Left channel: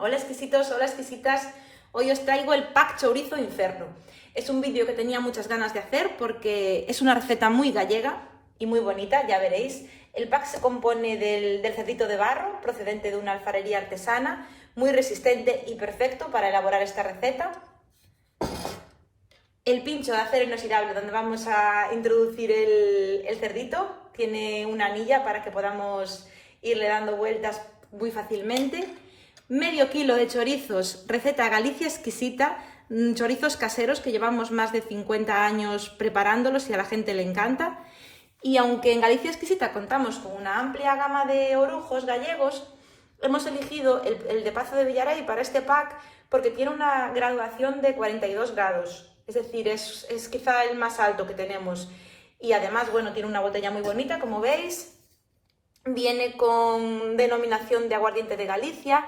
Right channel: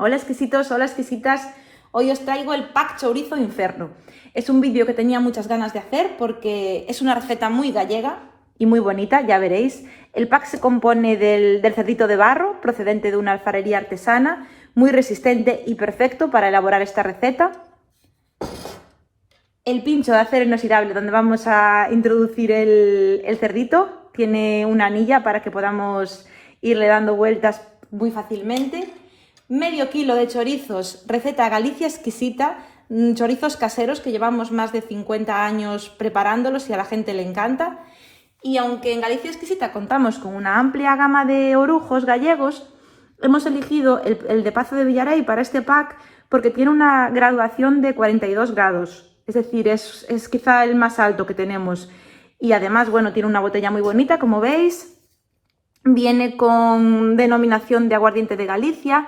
Hola exquisitos, hola exquisitas, hoy os traigo el pack chorizo inferno. Es un vídeo que tenía muchas ganas de hacer porque es una receta muy gallega y muy bonita, ya veréis. El pack se compone del cerdito de barro, procedente de una alfarería artesana, muy resistente y perfecto para elaborar esta receta. El pincho de acero inoxidable donde vamos a introducir el cerdito, tiene una anilla para que podamos irle dando vueltas muy fácilmente. Medio kilo de chorizos, receta Galicia exquisita, chorizos caseros que llevamos más de 50 años preparándolos y a la gente le encanta. Y aunque en Galicia exquisita contamos con una amplia gama de orujos gallegos, hemos elegido el de Pazo de Villarei para este pack porque tiene una graduación de 42 grados, es decir, es quizá el más alto que tenemos. Y además, bueno, tiene una botella muy bonita, como veis, viene con denominación de aguardiente de Galicia.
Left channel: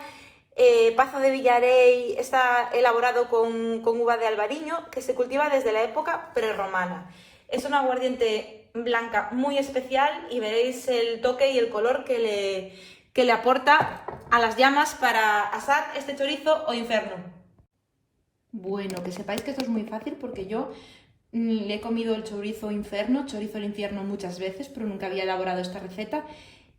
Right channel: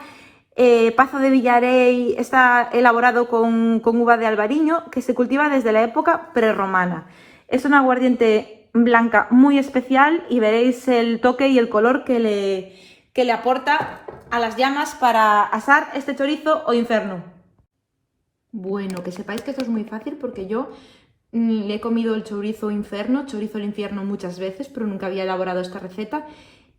Pazo de Villarei está elaborado con uva de Albariño, que se cultiva desde la época prerromana. Es un aguardiente blanca muy especial y veréis el toque y el color que le aporta a las llamas para asar este chorizo o inferno. Bueno, que sepáis que esto es muy fácil porque yo le he comido el chorizo al infierno muchas veces, pero nunca había elaborado esta receta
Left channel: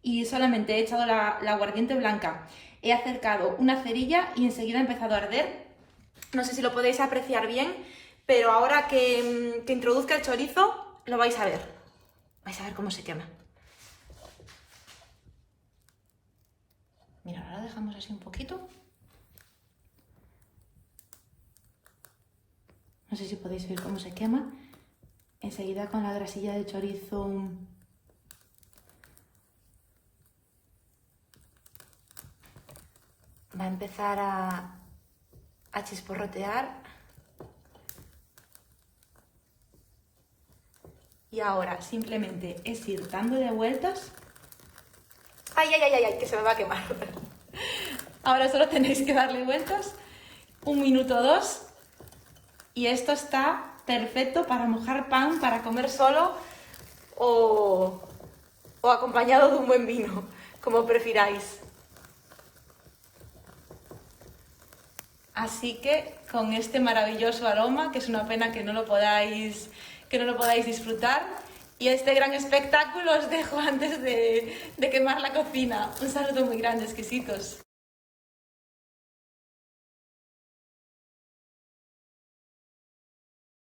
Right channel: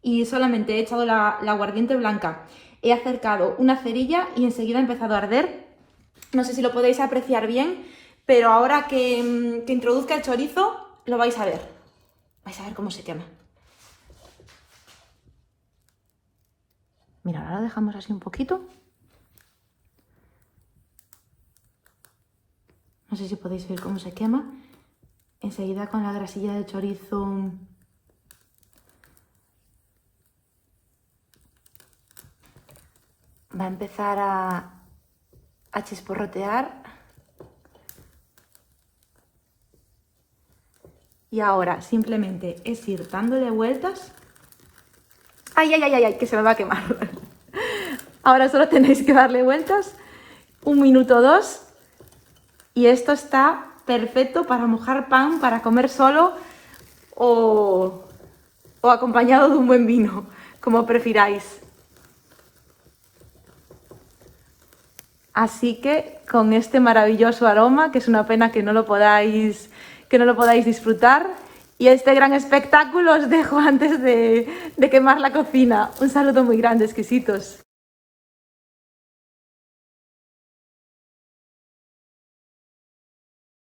y solamente he echado la aguardiente blanca. He acercado una cerilla y enseguida ha empezado a arder. No sé si lo podéis apreciar bien, pero ahora que introduzca el chorizo lo vais a ver. Vais a ver cómo se quema. Mira, ahora lo dejamos así un poquito. No sé si podéis ver cómo se quema. Enseguida con la grasilla del chorizo va a empezar a chisporrotear. Y ahora simplemente es ir dándole vueltas. ¡Ay, ay, ay, ay! Que se me va a quemar. Ahora solo tenéis que darle vueltas. 1 minuto o 2. Y esto está perfecto para mojar pan, para comer solo o acompañado de un buen vino, como prefiráis. Así que con este maravilloso aroma, que es una pena que no lo podáis disfrutar, y este gran espectáculo os dejo antes de quemar la cocina. Un saludo muy grande, exquisitos.